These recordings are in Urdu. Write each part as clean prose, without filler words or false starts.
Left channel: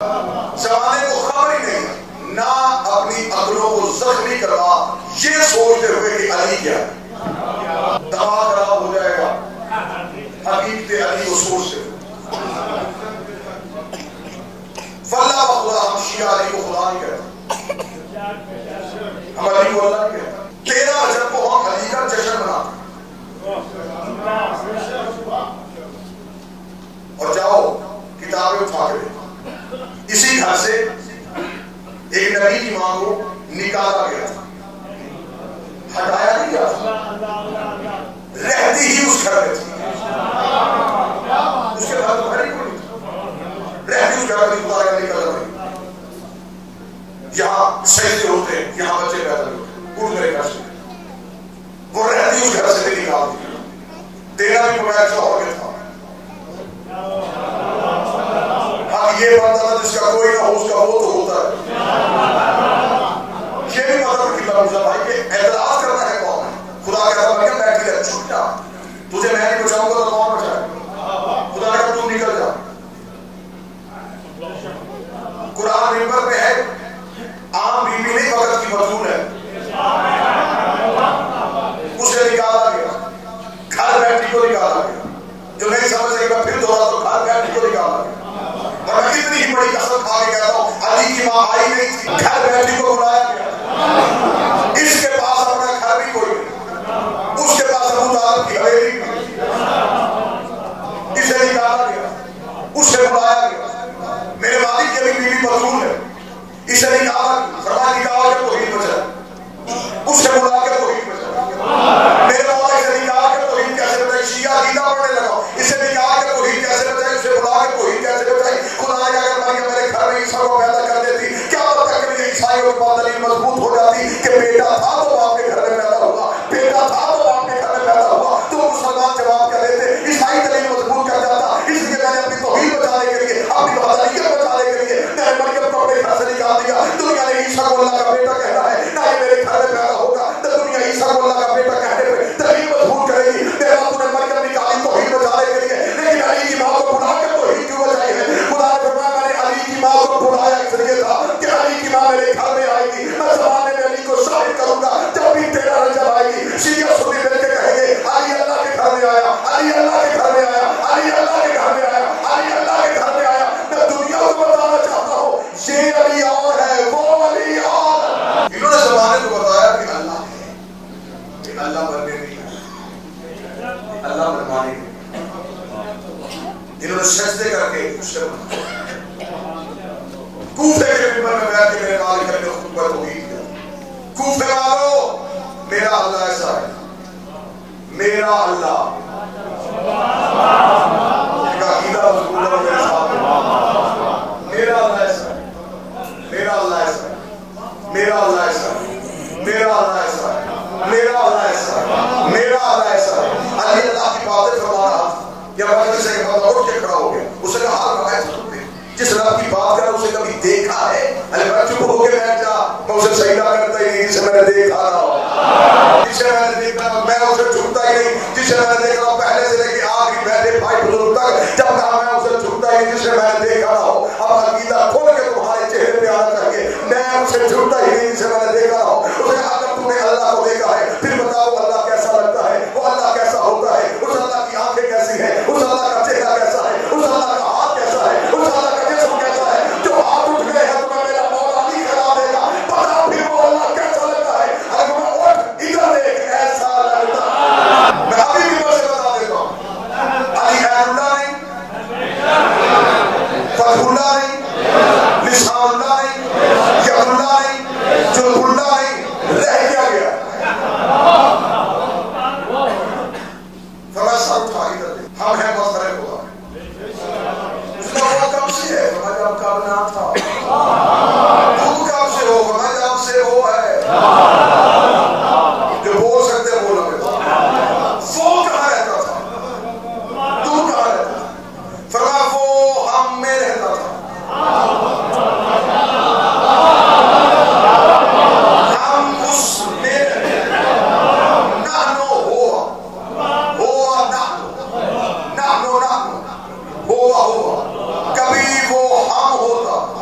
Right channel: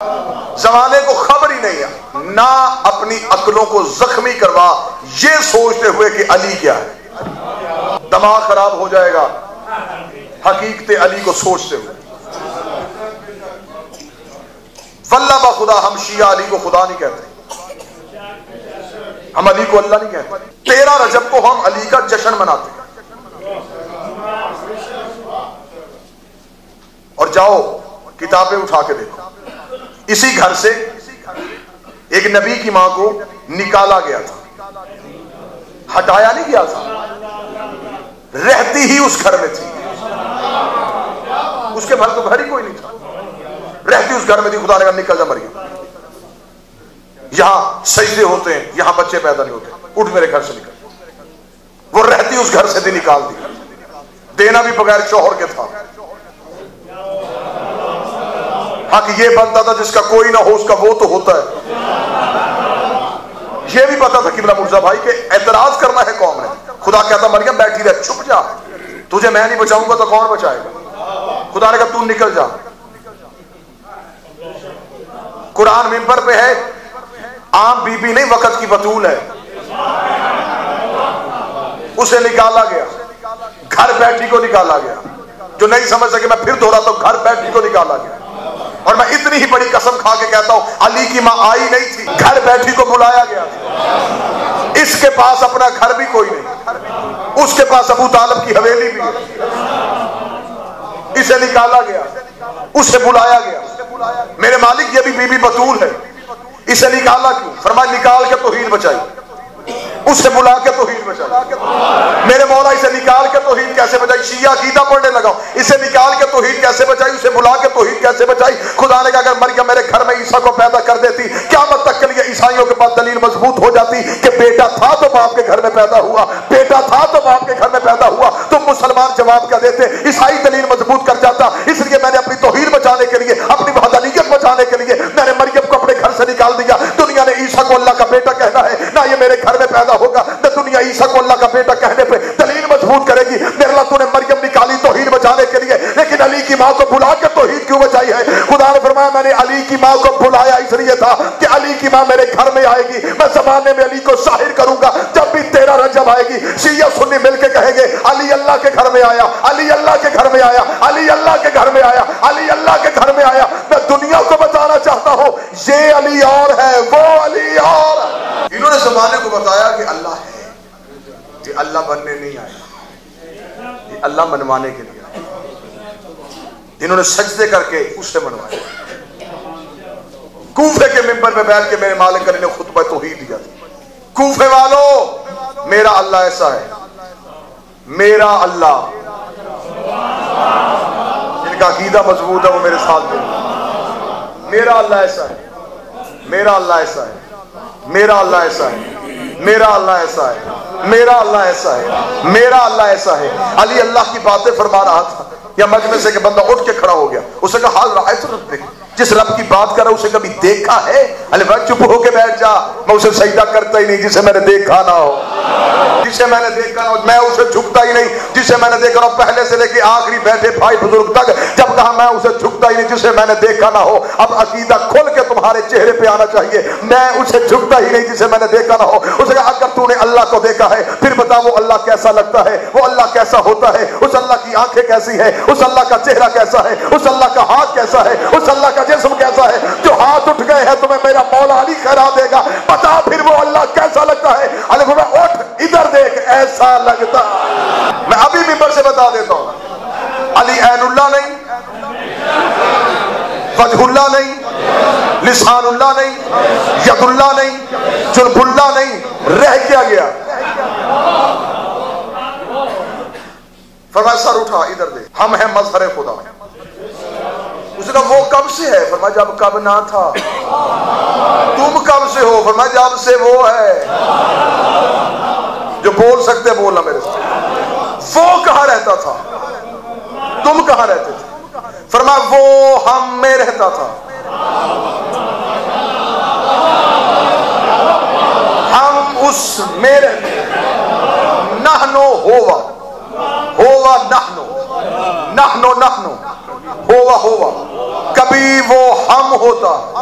زمانے کو خبر ہی نہیں ہے، نہ اپنی عقلوں کو زخمی کروا یہ سوچتے ہوئے کہ علی کیا ہے، دماغ خراب ہو جائے گا حقیقت علی کو سوچتے ہوئے۔ واللہ با خدا، ہم شیعہ علی کو خدا نہیں کہتے، ہم علی کو اللہ نہیں کہتے۔ 13 رجب کو ہم علی کا جشن مناتے اور جاؤ کتابیں اٹھا کے دیکھو، اسی گھر سے ایک نبی کی ماں کو نکالا گیا تھا، ہٹایا نہیں گیا تھا، رہتی ہی اس گھر میں تھی، اس کے گھر تو گھر ہی کوئی نہیں تھا، رہتی اس گھر میں تھی، خدا نے نکل جا مری، یہاں سجدے ہوتے ہیں، یہاں بچے پیدا نہیں ہوتے، اٹھ میرے گھر سے، وہ رہتی اس گھر سے نہیں نکال دی، دینا بھی بغیر شوہر کے تھا، کہ یہ بنتا تھا جس کا کوئی نہ ہو اس کا وہ تو ہوتا ہے، یہ بھی پتا تھا قبلہ مرزا بھائی کہ اعتراض کرنا ہے کون ہے، خدا کہتا مریم بیٹھی رہ، چھپ جا، تجھے میں نہیں بچاؤں گا تو کون بچائے، خدا نے کہا تو نکل جا۔ قرآن منبر پہ ہے، عام بی بی نہیں وقت کی بطول ہے، اسے نکالا گیا، گھر بیٹھی کو نکالا گیا، جو نہیں سمجھ سکے میں پھر دوہراتا ہوں، گھر بیٹھی کو نکالا گیا، اور میں اتنی ہی بڑی قسم کھا کے کہتا ہوں علی کی ماں آئی نہیں تھی، گھر بیٹھی کو بلایا گیا، اس کے پاس اپنا گھر بھی کوئی نہیں، اس کے پاس ابو طالب کی حویلی بھی، اسے نکالا گیا، اس سے بلایا گیا، میرے مالک یہ بھی بی بی بطول ہے، اسے نکالا گیا، فرمایا نکال کے توحید بچائی، اس سے بلا کے توحید بچائی، میرے مولا اسے نکال کے توحید کیسے بچائی، شیعہ عقیدہ پڑھنے لگا، اسے نکال کے توحید کیسے بچائی، اسے بلا کے توحید کیسے بچائی، خدا نے کہا اگر مریم میرے گھر میں عیسیٰ کو پیدا کر دیتی، قیامت تک کے لیے عیسائیوں کے پاس دلیل مضبوط ہو جاتی کہ بیٹا تھا تو باپ کے گھر میں پیدا ہوا، بیٹا تھا تو باپ کے گھر میں پیدا ہوا، تو مسلمان جواب کر دیتے، عیسائی دلیل مضبوط کر جاتا، اس لیے میں نے اپنی توحید بچانے کے لیے، اپنی وحدانیت بچانے کے لیے میں نے مریم کو اپنے گھر سے نکال دیا، دنیا نے عیسیٰ کو اللہ کا بیٹا کہنا ہے، نہ یہ میرے گھر میں پیدا ہوگا، نہ دنیا عیسیٰ کو اللہ کا بیٹا کہنے پہ دلیل مضبوط کرے گی، میرا تو نے مریم نکالی توحید بچانے کے لیے، لیکن علی کی ماں کو بلا کے توحید کیوں بچائی ہے؟ خدا نے فرمایا میں نے علی کی ماں کو بلایا اس لیے تھا کہ علی کی ماں میرے گھر میں آئے گی، میں زمانے میں علی کو شاہد کروں گا، جب بھی 13 رجب آئے گی شیعہ سنی مل کے کہیں گے علی اللہ کے گھر میں آیا، علی اللہ کے گھر میں آیا، علی اللہ کے گھر میں آیا، علی اللہ کے گھر میں آیا۔ میں دنیا کو بتانا چاہتا ہوں یہ علی اور ہے، وہ علی اور، انہوں نے زمانے کو بتایا کہ اللہ ہے، کہ اللہ بننے نہیں آیا، اللہ بنوانے کے لیے، انہوں نے سجدے کر کے اس سے بنوایا۔ کوفے کے منبر میں بیٹھ کے میرے مالک نے خطبہ توحید دیا، کوفے والو میرا اللہ ایسا ہے، میرا اللہ، جن کا عقیدہ مضبوط ہے وہ میرے ساتھ ہے، میرا اللہ ایسا ہے، میرا اللہ ایسا ہے، میرا اللہ ایسا ہے، میرا اللہ ایسا ہے، میرا اللہ ایسا ہے، میرا اللہ ایسا ہے۔ علی اللہ کی باتیں فرما رہا تھا، یا مجلس سے کہ بندہ اٹھ کے کھڑا ہو گیا، اسے کہا حال رہا ہے جس رب کی بات کر رہا اسے کبھی دیکھا ہے؟ علی بھائی چپ ہو کے بیٹھ جا، میں اسے سجدہ کرتا ہی نہیں جسے میں نے دیکھا نہ ہو، جسے میں نے دیکھا ہو میں اسے جھکتا ہی نہیں، جسے میں نے دیکھا ہو پہلے سے لے کے آخری بیٹھے بھائی بزرگ تک جب کہا میں اسے جھکتا ہی نہیں جسے میں نے دیکھا نہ ہو۔ اب عقیدہ کھول کے تمہارے چہرے پہ آنا چاہیے، میں اسے جھکتا ہی نہیں جسے میں نے دیکھا نہ ہو۔ اسے کہا جب تو نے اللہ کو دیکھا ہے پھر بتا وہ اللہ کیسا لگتا ہے، وہ اللہ کیسا ہوتا ہے، اس اللہ کی آنکھیں کیسی ہیں، اس اللہ کا چہرہ کیسا ہے، اس اللہ کا ہاتھ کیسا ہے، اس اللہ کا جسم کیسا ہے، جو ہاتھ اٹھ گئے ہیں تمہیں میرا مولا علی کرا دے گا، بتا پھر وہ اللہ کیسا لگتا ہے۔ علی کو میں اٹھ ادھر دیکھ ایسا لگتا، میں ابھی ممبر سے بتا دیتا ہوں علی عین اللہ نہیں، فتح اللہ نہیں، لسان اللہ نہیں، ید اللہ نہیں، جلب اللہ نہیں، رہ کیا گیا؟ فرمایا سر اٹھا ادھر دیکھ، ہم ہیں مظہر خدا۔ وہ کب سے ہے؟ فرمایا جب کب نہ تھا۔ تم کب سے ہو؟ فرمایا جب سے وہ ہے جو بول سکتے بول لگے۔ وہ کہاں رہتا تھا؟ تم کہاں رہتے؟ فرمایا وہ ہم میں رہتا تھا، ہم اس میں رہتے، نحنو ہوا، ہوا نحنو، نحنو نحنو، ہوا ہوا، کبھی وہ ہم ہوتا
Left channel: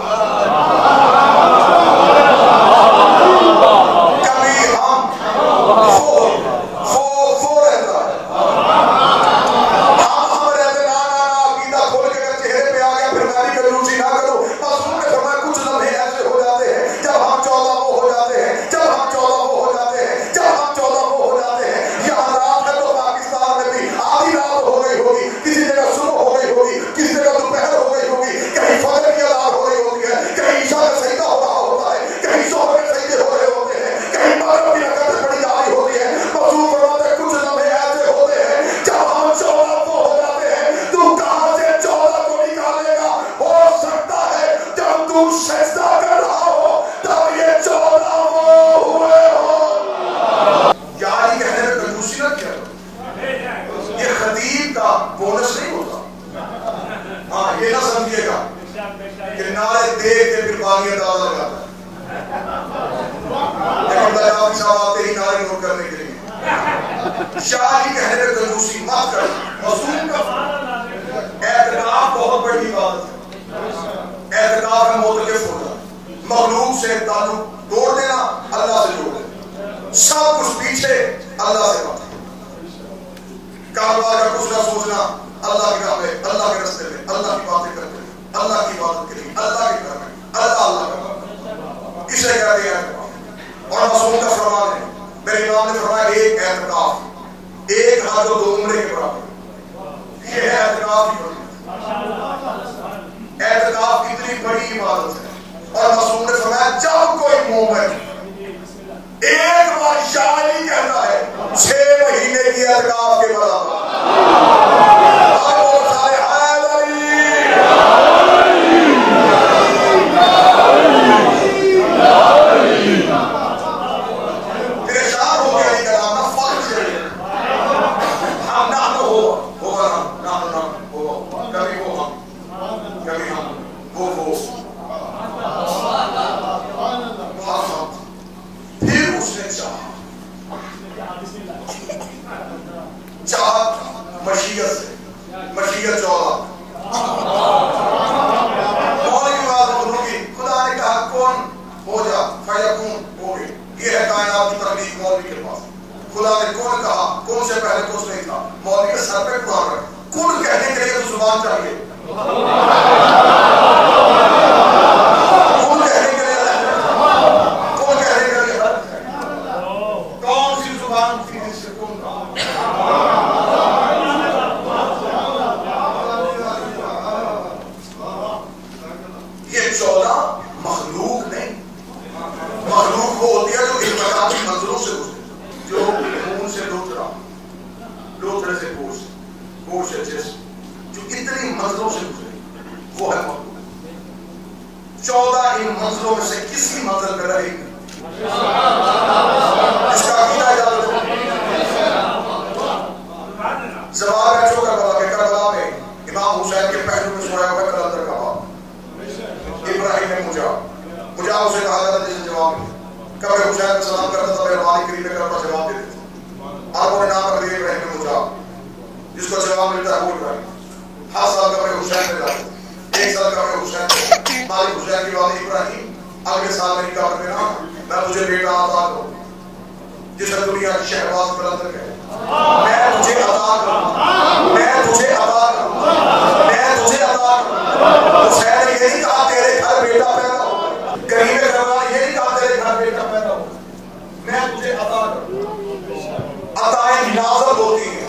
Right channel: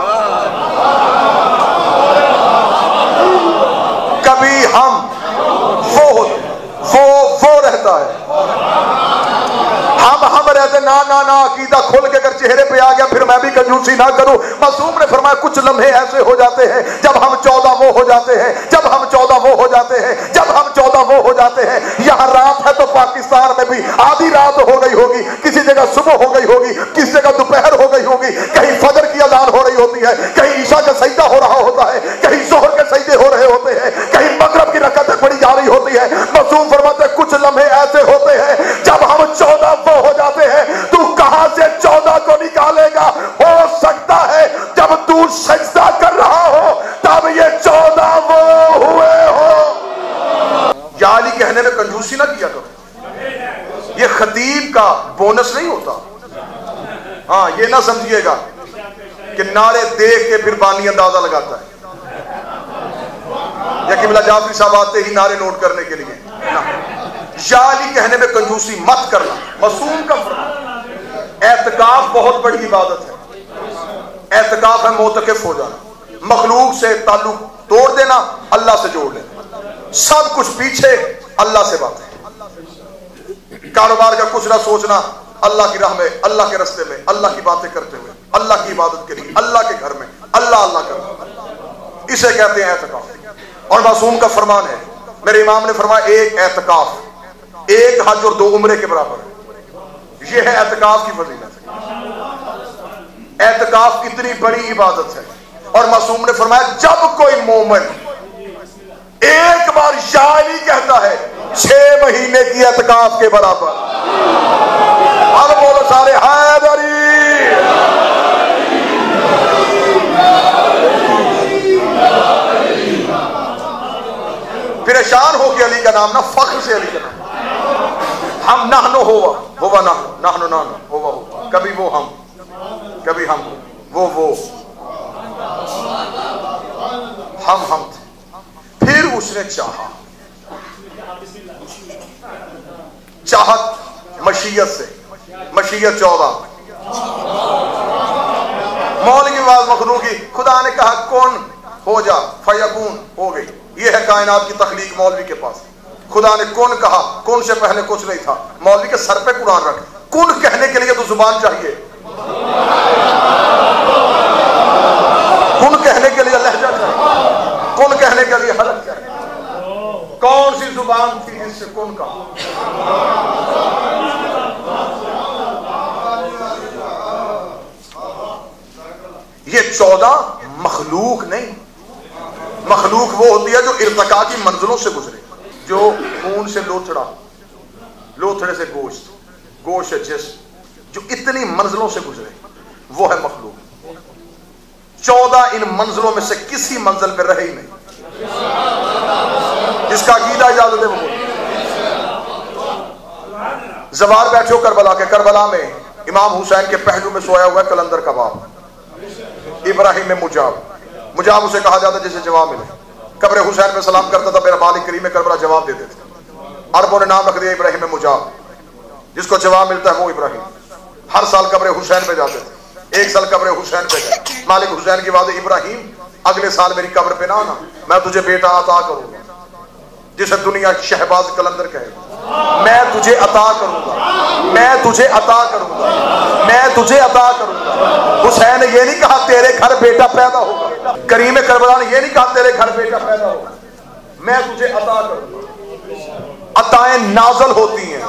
اور یہ نہ سمجھیے گا کہ نعرے دیکھ کے پھر بانی اندازہ لگاتا ہے، لیکن اللہ جعفری صاحب آتے ہی نعرے نوٹ کرنے کے لیے. شاعری کہنے میں کنجوسی مت کر. معصوم کا اعتکاف بہت بڑی عبادت ہے. اعتکاف ہے معتکف ہو جانا، مخلوق سے تعلق توڑ دینا، اللہ سے جوڑ دینا، سب کچھ پیچھے اللہ سے بات. کاروبار کا کچھ نہ سوچنا، اللہ کی راہ میں، اللہ کے راستے میں، اللہ کی باتیں کرتے ہوئے، اللہ کی عبادت کے لیے، اللہ کے گھر میں اللہ اللہ کرنا، اسے کہتے ہیں اعتکاف. اور معصوم کا فرمان ہے، میرے امام نے فرمایا ایک اعتکاف ایک حج اور 2 عمرے کے برابر. یہ ہے اعتکاف کی فضیلت. اعتکاف اتنی بڑی عبادت ہے. اور معصوم نے فرمایا جب کوئی مومن ایک بار شاعری کہتا ہے 6 مہینے کی اعتکاف کے برابر. اور بہت سارے پریشان ہو کے علی کا نام نہ فخر سے ہم نحن ہوا نحن ہوا، کبھی وہ ہم، کبھی ہم، وہ ہم. پھر اس نے چاہت مشیت سے، مشیت 14 مولوی آواز مخلوق کی، خدا نے کہا کون ہو جا فیکون، ہو گئی. یہ ہے کائنات کی تخلیق مولوی کے پاس. خدا نے کون کہا، کون سے پہلے کچھ نہیں تھا. مولوی کے سر پہ قرآن رکھ. کون کہنے کے لیے تو زبان چاہیے، کون کہنے کے لیے کون کہنے کے لیے حرف چاہیے. کون سی زبان تھی جس سے کون کہا. یہ 14 مخلوق نہیں. مخلوق وہ ہوتی ہے جو ارتقا کی منزلوں سے گزرے، جو خون سے لوتھڑا، لوتھڑے سے گوشت، گوشت سے جسم، جو اتنی منزلوں سے گزرے، وہ ہے مخلوق. 14 ان منزلوں میں سے کسی منزل میں رہی نہیں. اس کا عقیدہ یاد رکھو. زوال بیٹھو کربلا کے، کربلا میں امام حسین کے پہلو میں سویا ہوا ہے کلندر کا باپ ابراہیم مجاب اسے کہا جاتا جسے جواب ملے. قبر حسین میں سلام کرتا تھا، میرا مالک کریم کربلا جواب دیتے تھے. عربوں نے نام رکھ دیا ابراہیم مجاب، جس کو جواب ملتا ہے وہ ابراہیم. ہر سال قبر حسین میں جاتے تھے. ایک سال قبر حسین پہ مالک حسین کی بات، ابراہیم اگلے سال میری قبر پہ نہ آنا، میں تجھے بیٹا عطا کروں جسے دنیا شہباز کلندر کہے. میں تجھے عطا کروں، میں تجھے عطا کروں، میں تجھے عطا کروں. حسین نے یہ نہیں کہا تیرے گھر بیٹا پیدا ہو، کریم کربلا نے یہ نہیں کہا تیرے گھر بیٹا پیدا ہو، میں تجھے عطا کروں. عطائیں نازل ہوتی ہیں،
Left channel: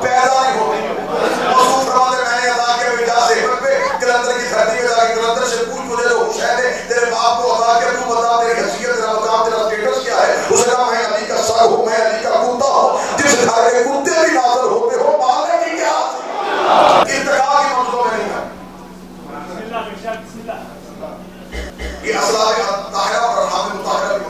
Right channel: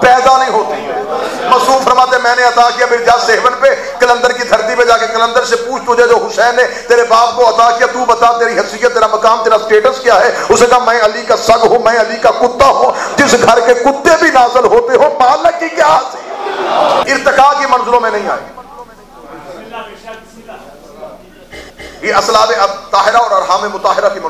پیدا نہیں ہوتی ہیں. مصروف فرماتے میں نے عطا کیا میری جا صحبت پہ، کلندر کی دھرتی پہ جا کے کلندر سے پوچھ مجھے جو حسین نے تیرے باپ کو عطا کیا، تو بتا تیری حیثیت، تیرا مقام، تیرا اسٹیٹس کیا ہے. اسے کہا میں علی کا سگ ہوں، میں علی کا کتا ہوں. جس گھر کے کتے بھی نازل ہوتے ہو مالک کی کیا ارتقا کی منزلوں میں نہیں آئے. یہ اسلاب طاہرہ اور ارحام مطہرہ کی